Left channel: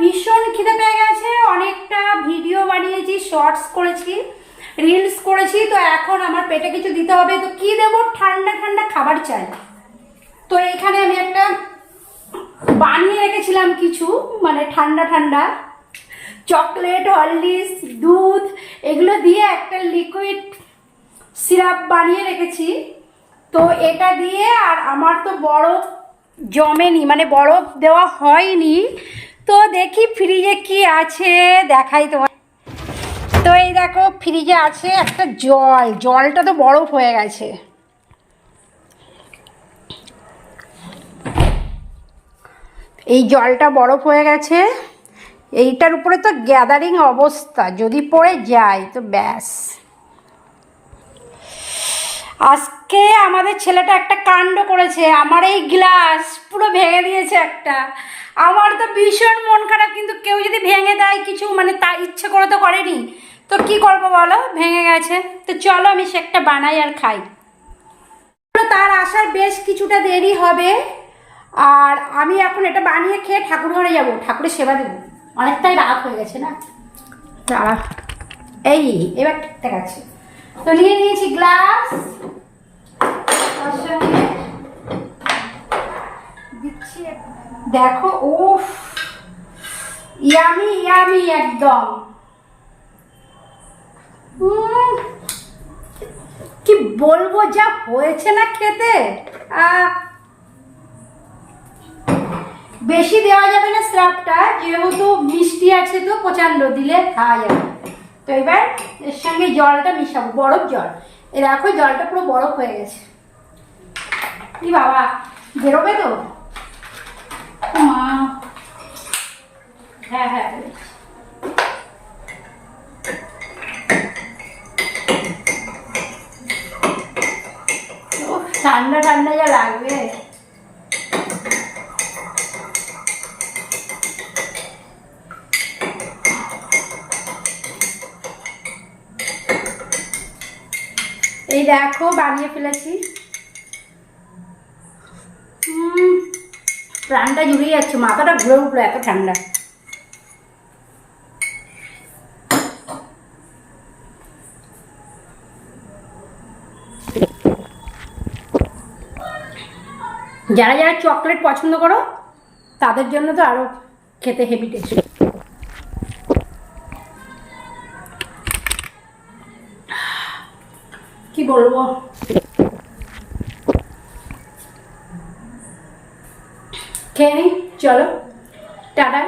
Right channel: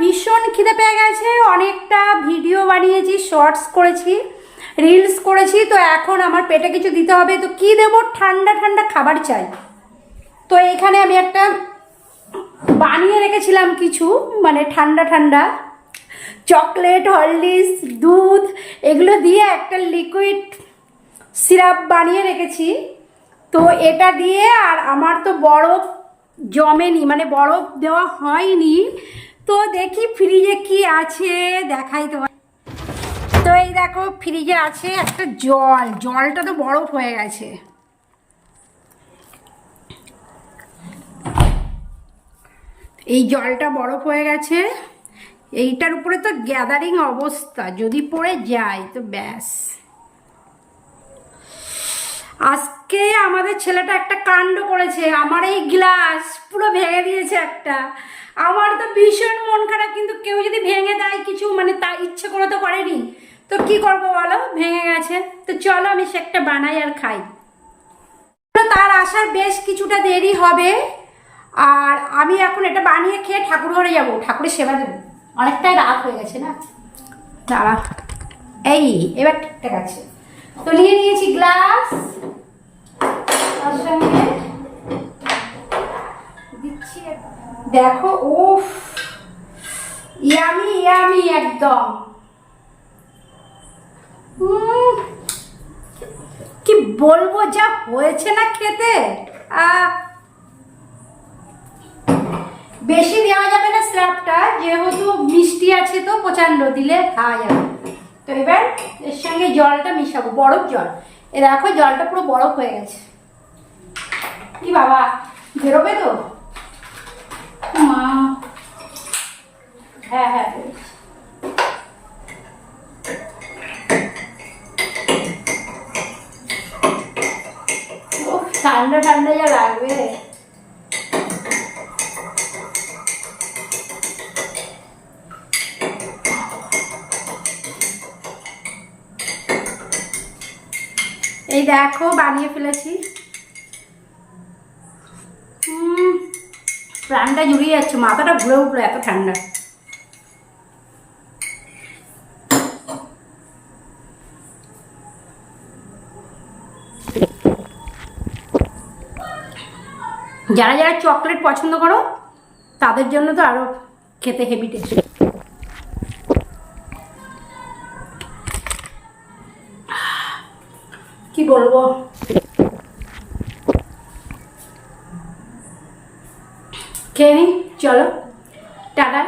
ভীষণ খিদে পেয়ে গেছে, অনেকটা ভিডিও বানিয়েছি শর্টস করেছি রিলস করেছি, তো এখন আমার পেটে কিছু দিতে হবে, তো কি দেবো? ঠান্ডা ঠান্ডা খাবার চাই। তো এখানে আমি একটা বানিয়ে রেখেছিলাম কিছু মানে ঠান্ডা ঠান্ডা চকলেট হরলিক্স দুধ, এগুলো দিয়ে একটা লিকুইড সিরাপ বানিয়ে রেখেছি। তো এটা দিয়ে আর আমার তো বরফ জমেনি মানে বরফ দেওয়া হয়নি তো দেখি ফ্রিজে কি আছে, দেখাই তোমার তো এই দেখো ফ্রিজে আছে একটা জল, জলটা তো বরফ হয়ে গেছে। এই জলটা বরফ হয়ে গেছে। এইটার উপরে তো গ্যাদারিং অবস্থা, যদি পড়ে যায় তো ব্যাস। আজকে আমাদের ছেলেটা একটা কাণ্ড করেছে, আমার এই গ্লাস পুরো ভেঙে দিয়েছে একটা। আমার তো ভীষণ মন খারাপ, কিন্তু কেউ যদি ভেঙে দেয় কিছু মানে তা ইচ্ছে করে তো করেনি। তো কি করব বলো? ভেঙে গেছে। তো চলো আমি সে একটা বানাই আর খাই। তার আসার বেশ কিছুটা দেরি হবে। আর আমি এখন এটা বানিয়ে খেয়ে ঠাকুর ঘরে যাব। ঠাকুরের সেবা দেবো। অনেকটাই রাত হয়ে গেছে না? দাঁড়া। এই, এবার ঠিকঠাক আছে। তো নিয়ে নিয়েছি গ্লাস। তার সঙ্গে দিচ্ছি দেখো, উফ। ইয়ামি ইয়ামি একদম। কি বলব, যা হয়েছে না খেতে? বেশি দেওয়া যাবে না স্রাবটা, যেহেতু মিষ্টি আছে তো, প্রচণ্ড দিলে খাওয়া যাবে। তো এবার এর সঙ্গে জলটা মিশাবো, বরফ জল। এ দেখো, জলটা পুরো বরফ হয়ে গেছে। কি বাবা, বেরোবে তো? মা। হ্যাঁ হ্যাঁ। ঠান্ডা ঠান্ডা যা লাগবে। এই দেখো, বানিয়ে ফেলেছি। প্রাণটা জুড়িয়ে যাচ্ছে, মাথাটা ঘুরে উঠল এত ঠান্ডা। যারা যারা চকলেট পছন্দ করো, তাদের জন্য তো আরও খেতে হেভি টেস্ট কি বলব? খেয়ে নিই চলো টাটা।